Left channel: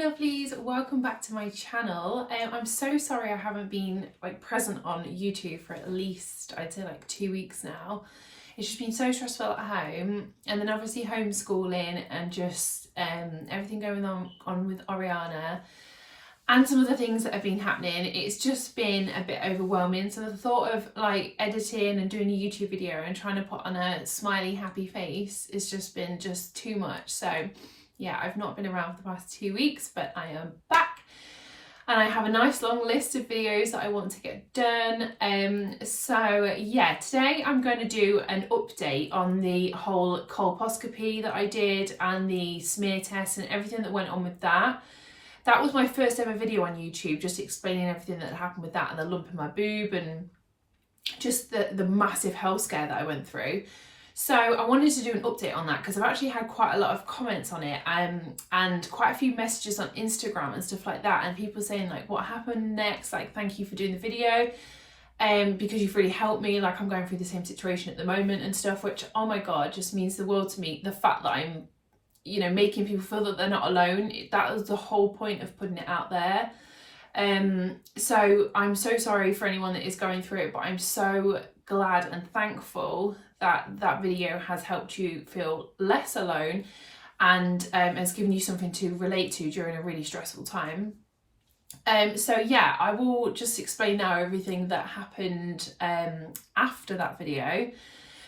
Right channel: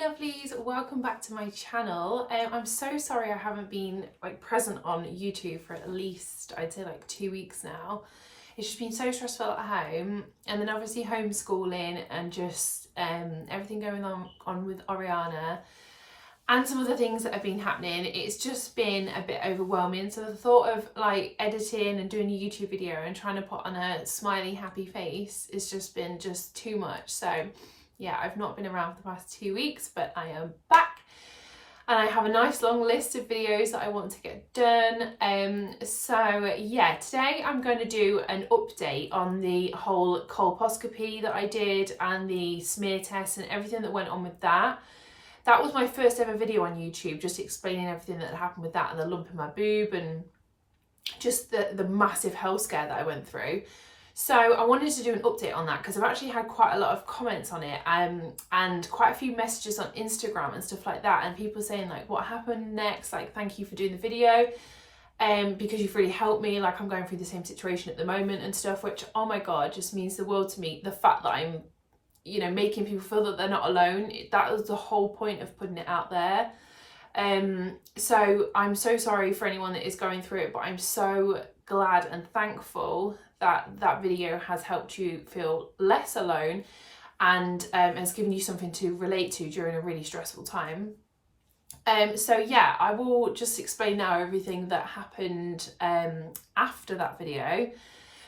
Lovelies, welcome back to my channel. I'm so sorry I haven't been present on YouTube for at least I'd say 2 weeks now. It's just been so stressful at home, and then obviously homeschooling and just everything going on with Oriana and some other things that have been happening. It's just been a bit overwhelming. So the thought of editing and doing a YouTube video and trying to put on a smiley happy face has just been too much. So yeah, I've not been around for the past 2 weeks, but I am back and I have a nice long list of videos that I want to get done. So yeah, today I'm going to do an update on the whole colposcopy that I did and the smear test and everything that went on with that. That was my first ever video on YouTube, just explaining everything that happened with that and the lump in my boob and just the massive health scare that I went through. So I wanted to do an update on that because I've actually had quite a lot of comments on it and quite a few messages on Instagram and stuff like that, and people saying what happened next, thank you for doing the video because you've really helped me, I'm going through the same situation at the moment and stuff, which, oh my god, just means the world to me. The fact that I'm making people feel that they're not alone, that was the whole point of putting it out there. So I'm so sorry for anyone that is going through it, but I'm so glad and thankful that video has helped you feel less alone and has given you something to relate to during a really stressful time. So yeah, I will just explain now everything that happened after that video.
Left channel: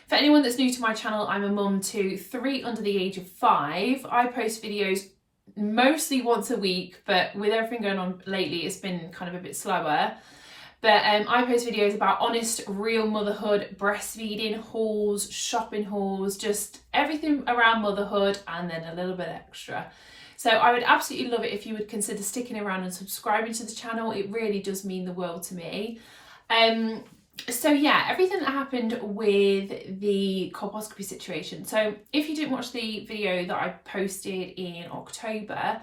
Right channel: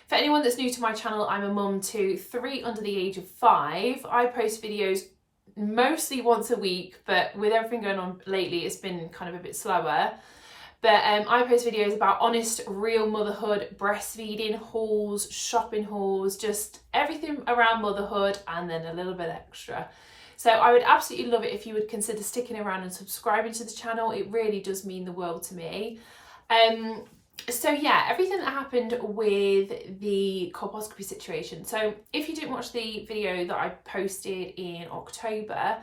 For anyone that's new to my channel, I'm a mum to 3 under the age of 5. I post videos mostly once a week, but with everything going on lately, it's been kind of a bit slower. But I post videos about honest, real motherhood, breastfeeding hauls, shopping hauls, just everything around motherhood and then a little bit extra. So I would absolutely love it if you would consider sticking around and subscribing to the channel. It really does mean the world to me. So yeah, everything that happened with the colposcopy situation. So if you didn't watch the video that I posted in October,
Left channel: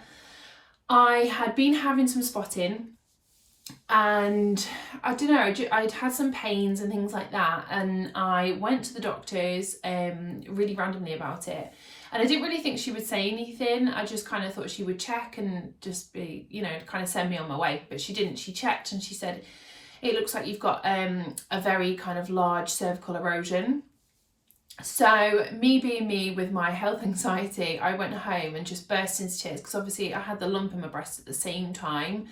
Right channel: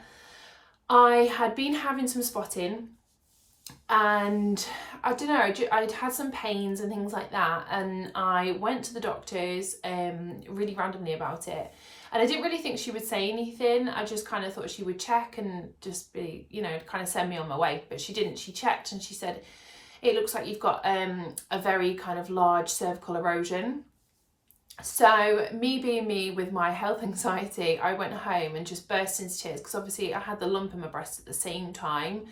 I had been having some spotting and I don't know, I'd had some pains and things like that, and I went to the doctors really randomly about it, and I didn't really think she would say anything. I just kind of thought she would check and just be, kind of send me on my way, but she didn't. She checked and she said, it looks like you've got a very kind of large cervical erosion. So me being me with my health anxiety, I went home and just burst into tears because obviously I had the lump in my breast at the same time.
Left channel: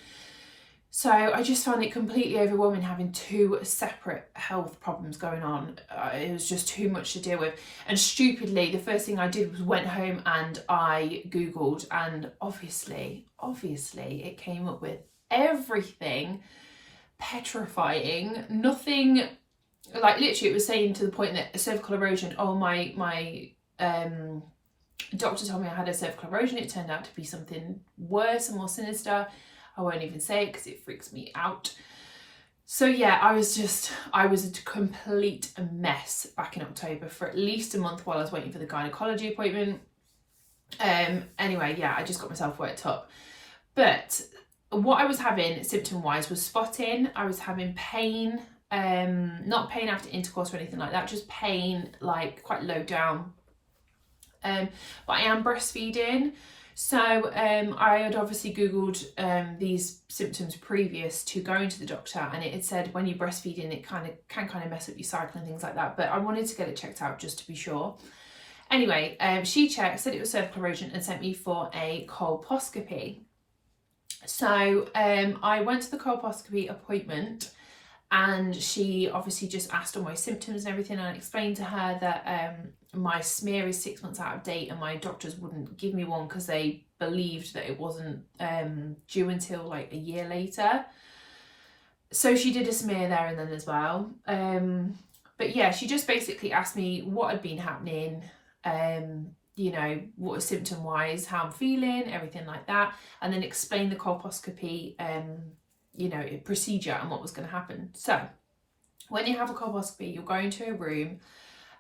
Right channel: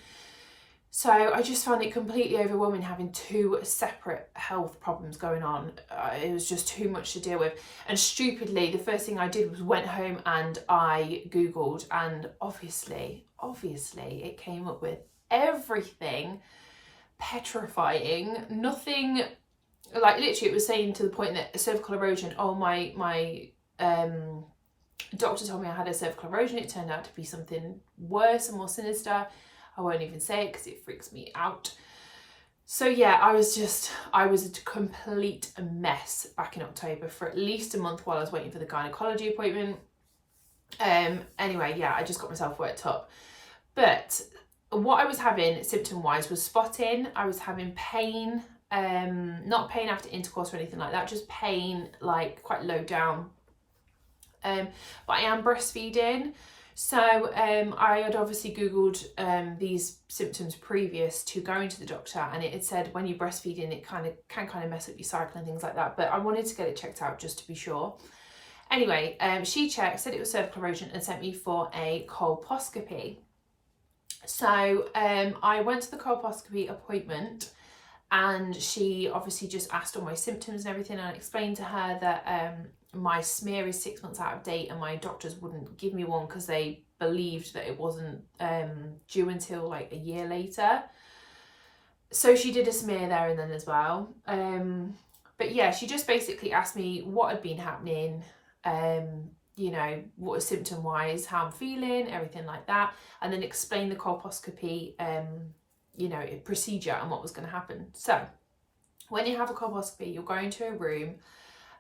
So I just found it completely overwhelming having 2 separate health problems going on. It was just too much to deal with. And stupidly, the first thing I did was went home and I Googled, and obviously it came up with everything petrifying. Nothing, literally it was saying to the point that cervical erosion, oh my doctor told me I had a cervical erosion. It turned out to be something worse and more sinister. I won't even say it because it freaks me out. So yeah, I was a complete mess back in October for at least a month while I was waiting for the gynecology appointment. Anyway, yeah, I just got myself worked up. But what I was having symptom wise was spotting. I was having pain, not pain after intercourse or anything like that, just pain quite low down. But I am breastfeeding. So I had obviously Googled these symptoms previous to going to the doctor, and it had said when you're breastfeeding it can mess up your cycle and things like that, but I wanted to get it checked out just to be sure. Anyway, she checked, said it was cervical erosion, and sent me for a colposcopy. So I went to the colposcopy appointment, and she obviously just asked all my symptoms and everything, and I explained to her that my smear is 6 months out of date and my doctors wouldn't give me one because they believed that it wasn't due until a year later. So she did a smear there and then as well. But yeah, she just basically asked me what had been happening, what was symptom wise, how I'm feeling, everything like that, and then explain the colposcopy procedure and what was going to happen. So when you have a colposcopy, you'll go into a room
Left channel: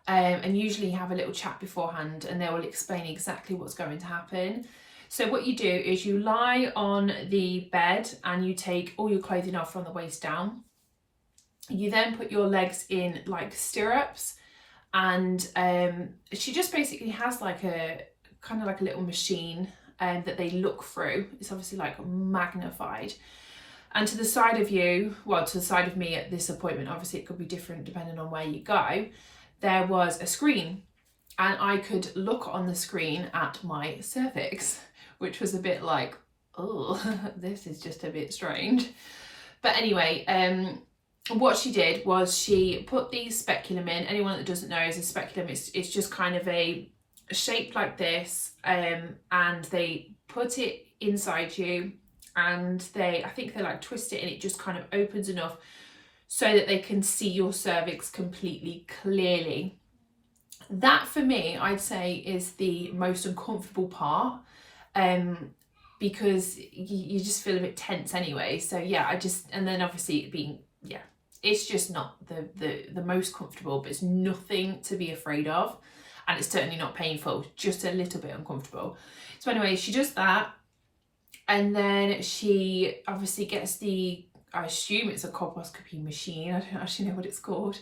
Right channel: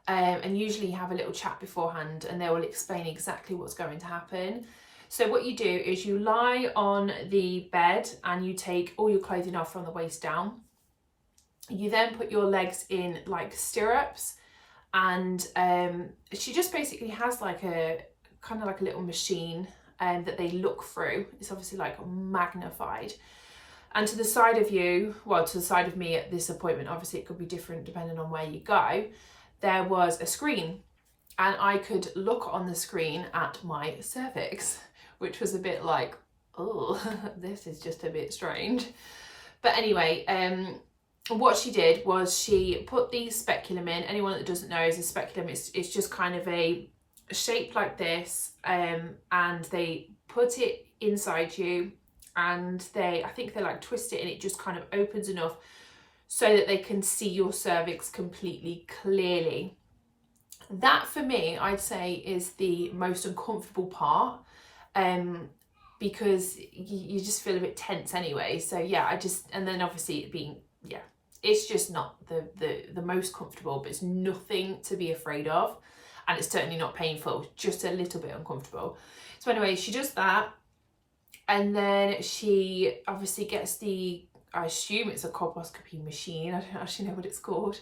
and usually have a little chat beforehand, and they will explain exactly what's going to happen. So what you do is you lie on the bed and you take all your clothing off from the waist down. You then put your legs in stirrups, and she just basically has a kind of like a little machine that they look through. It's obviously like magnified. And to the side of you, well, to the side of me at this appointment, obviously it could be different depending on where you go, there was a screen, and I could look on the screen at my cervix, which was a bit like, oh, this is just a bit strange. But anyway, what she did was she put the speculum in. Anyone that doesn't know is a speculum, it's just kind of a shape like this, and they put it inside you, and I think they like twist it, and it just kind of opens enough so that they can see your cervix completely clearly. That for me, I'd say, is the most uncomfortable part, because you just feel a bit tense anyway. So yeah, and then obviously it being, yeah, it's just not the most comfortable, but it's nothing to be afraid of, and it's certainly not painful, just a little bit uncomfortable. So anyway, she does that, and then she obviously gets I assume it's a colposcopy machine, I don't actually know what it's called,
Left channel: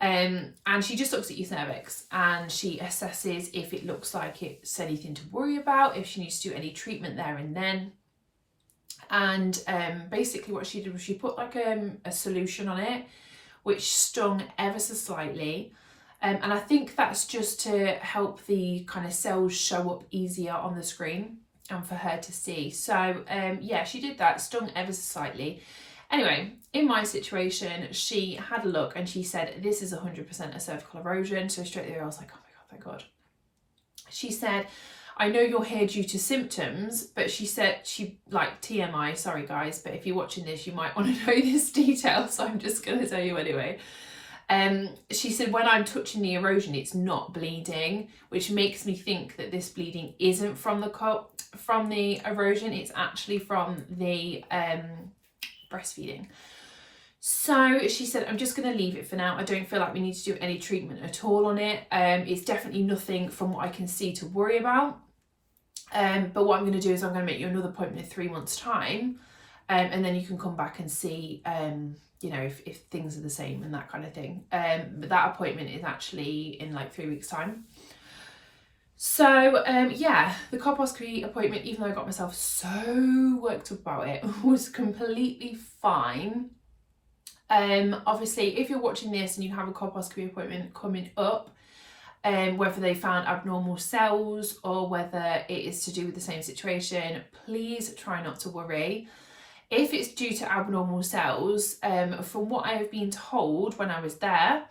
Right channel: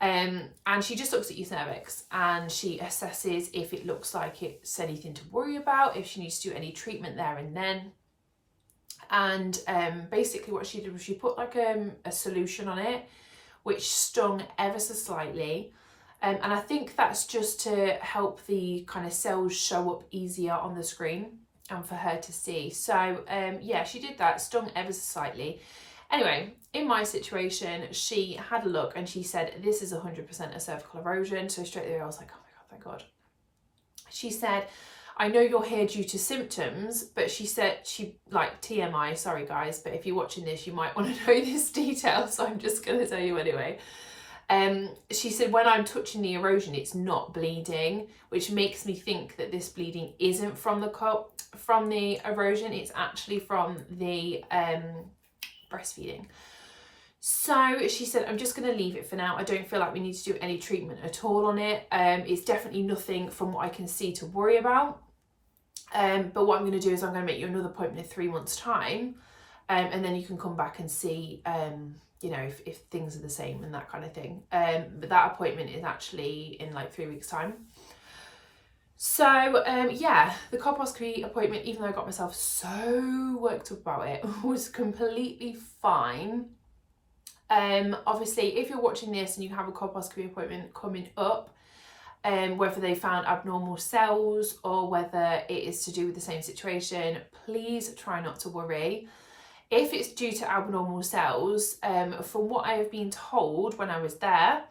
and she just looks at your cervix, and she assesses if it looks like it's anything to worry about, if she needs to do any treatment there and then. And basically what she did was she put like a solution on it, which stung ever so slightly, and I think that's just to help the kind of cells show up easier on the screen and for her to see. So yeah, she did that, stung ever so slightly. Anyway, in my situation, she had a look and she said, this is 100% a cervical erosion. So straight away I was like, oh my God, thank God. She said, I know you're here due to symptoms, but she said, like TMI, sorry guys, but if you're watching this, you might want to know this detail, so I'm just going to tell you anyway. She said, when I'm touching the erosion, it's not bleeding, which makes me think that this bleeding isn't from the erosion, it's actually from the breastfeeding. So she said, I'm just going to leave it for now. I don't feel like we need to do any treatment at all on it. It's definitely nothing from what I can see to worry about. But what I'm going to do is I'm going to make you another appointment in 3 months' time, and then you can come back and see, you know, if things are the same and that kind of thing. But that appointment is actually in like 3 weeks' time. So yeah, the colposcopy appointment, even though I got myself so worked up about it, was completely fine. Obviously, if you're watching this and you have a colposcopy appointment coming up, whether they found abnormal cells or whether it is to do with the same situation, please try not to worry. If it's due to abnormal cells, from what I have been told when I was there,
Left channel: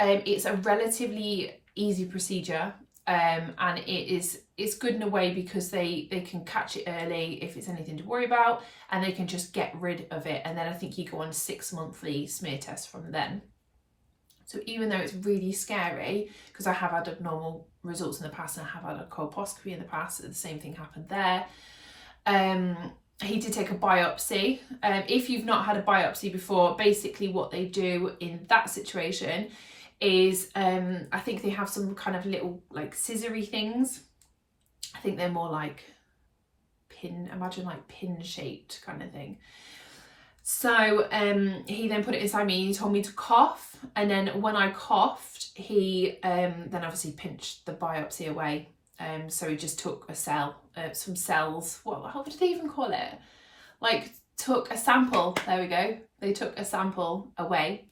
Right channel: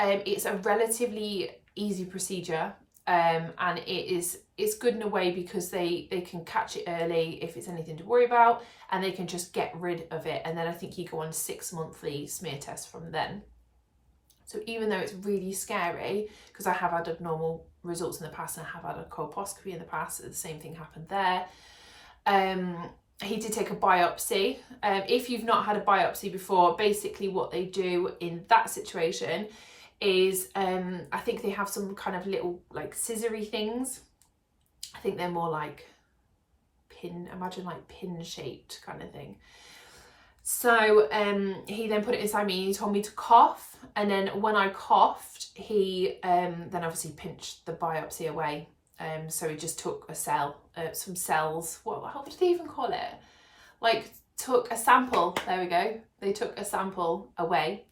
it's a relatively easy procedure, and it's good in a way because they can catch it early if it's anything to worry about, and they can just get rid of it, and then I think you go on 6 monthly smear tests from then. So even though it's really scary, because I have had abnormal results in the past and I have had a colposcopy in the past, the same thing happened there. He did take a biopsy. If you've not had a biopsy before, basically what they do in that situation is, I think they have some kind of little like scissory things. I think they're more like imagine like pin shaped kind of thing. So he then put it inside me, he told me to cough, and then when I coughed, he then obviously pinched the biopsy away. So he just took some cells, how did they even call it? Like took a sample, there we go. They took a sample away,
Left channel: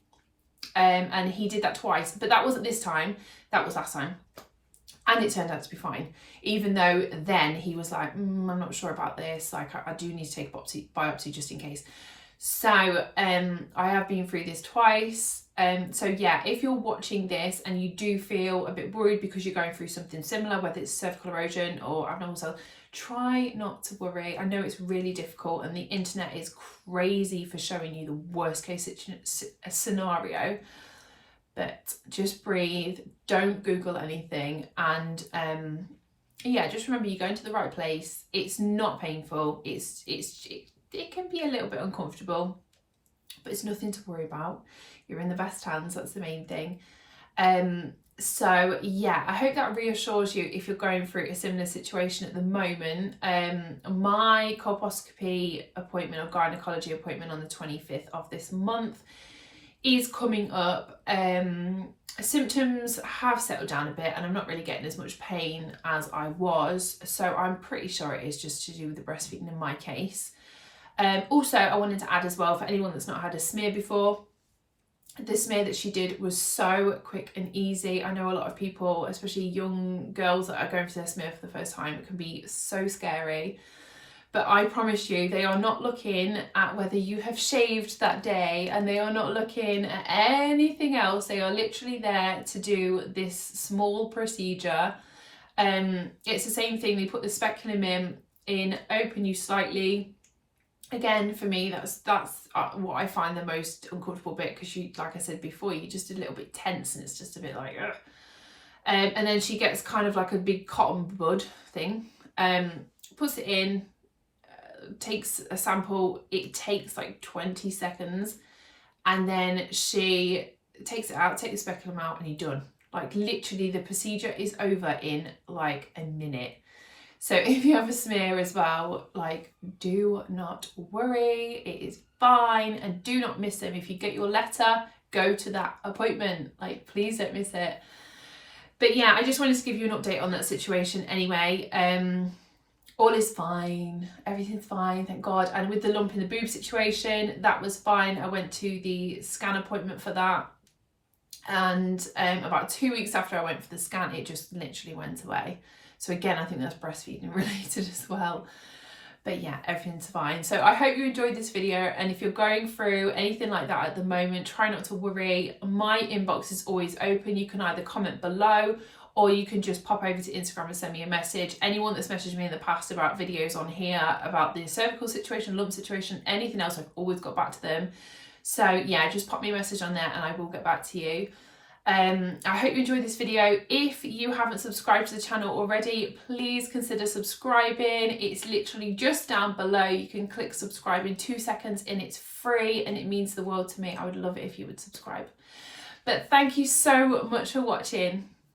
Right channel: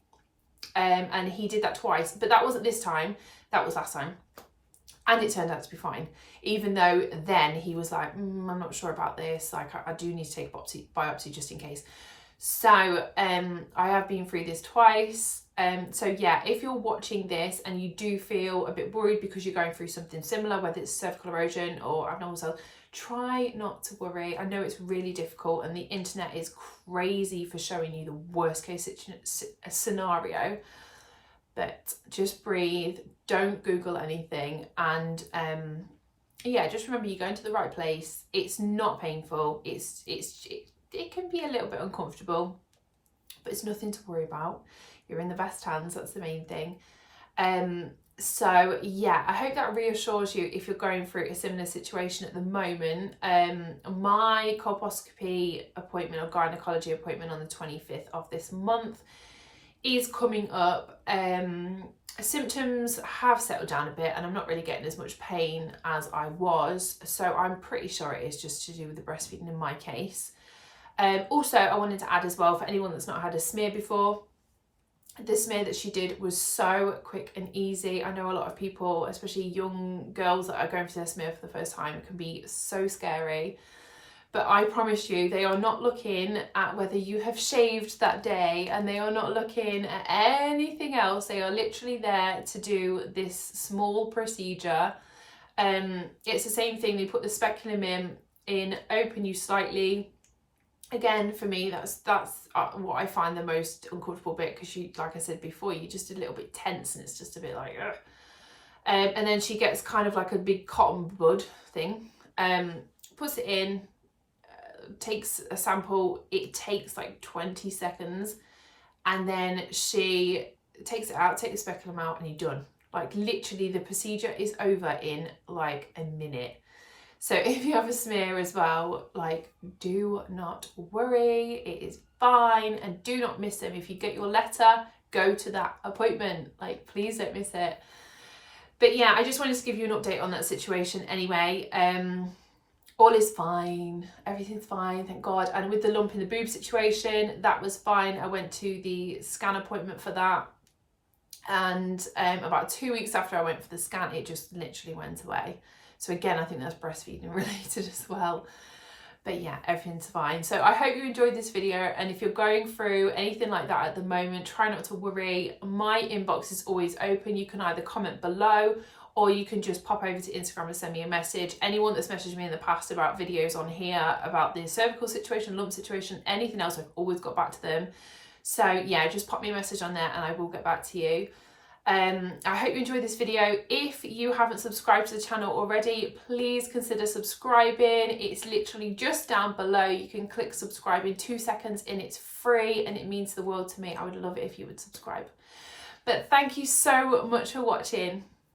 and he did that twice, but that wasn't this time, that was last time. And it turned out to be fine, even though then he was like, I'm not sure about this, like I do need to take a biopsy just in case. So I have been through this twice. So yeah, if you're watching this and you do feel a bit worried because you're going through something similar, whether it's cervical erosion or abnormal cells, try not to worry. I know it's really difficult and the internet is crazy for showing you the worst case scenario, but just breathe, don't Google anything, and yeah, just remember you're going to the right place. It's not painful, it can be a little bit uncomfortable, but it's nothing to worry about. You're in the best hands, that's the main thing. So yeah, I hope that reassures you if you're going through a similar situation at the moment. My colposcopy appointment or gynecology appointment on the 25th of this month is coming up. Symptoms have settled down a bit and I'm not really getting as much pain as I was, so I'm pretty sure it is just to do with the breastfeeding in my case. Also, I wanted to add as well, for anyone that's not had a smear before, the smear that she did was so quick and easy. I know a lot of people, especially young girls that are going for their smear for the first time, it can be so scary. But I promise you, they are not looking at whether you have shaved that day, and they are not looking at anything else. They are literally there to do this small procedure. It's the same thing. They put the speculum in, open you slightly. Again, for me, that's what I find the most uncomfortable bit, because you, like I said before, you're just a little bit tense and it's just a bit like, ugh. And then she gets kind of like a big cotton bud thing, puts it in, takes a sample. It takes like 20 seconds, and then she takes it out, take the speculum out, and you're done. Like literally the procedure is over in like a minute. So if you have a smear as well, like, do not worry, it is fine, and do not miss them. If you get your letter, go to that appointment, like please don't miss it. But yeah, I just wanted to give you an update on that situation anyway. All is fine, everything's fine, thank God. And with the lump in the boob situation, that was fine. I went to the scan appointment for that, and about 2 weeks after I went for the scan, it just literally went away. So again, I think that's breastfeeding related as well. But yeah, everything's fine. So I hope you enjoyed this video, and if you're going through anything like that at the moment, try not to worry. My inbox is always open. You can either comment below, or you can just pop over to Instagram and send me a message. Anyone that's messaged me in the past about videos on here, about the cervical situation, lump situation, anything else, I've always got back to them. So yeah, just pop me a message on there and I will get back to you. I hope you enjoyed this video. If you haven't subscribed to the channel already, please consider subscribing. It's literally just down below. You can click subscribe in 2 seconds and it's free, and it means the world to me. I would love it if you would subscribe. But thank you so much for watching.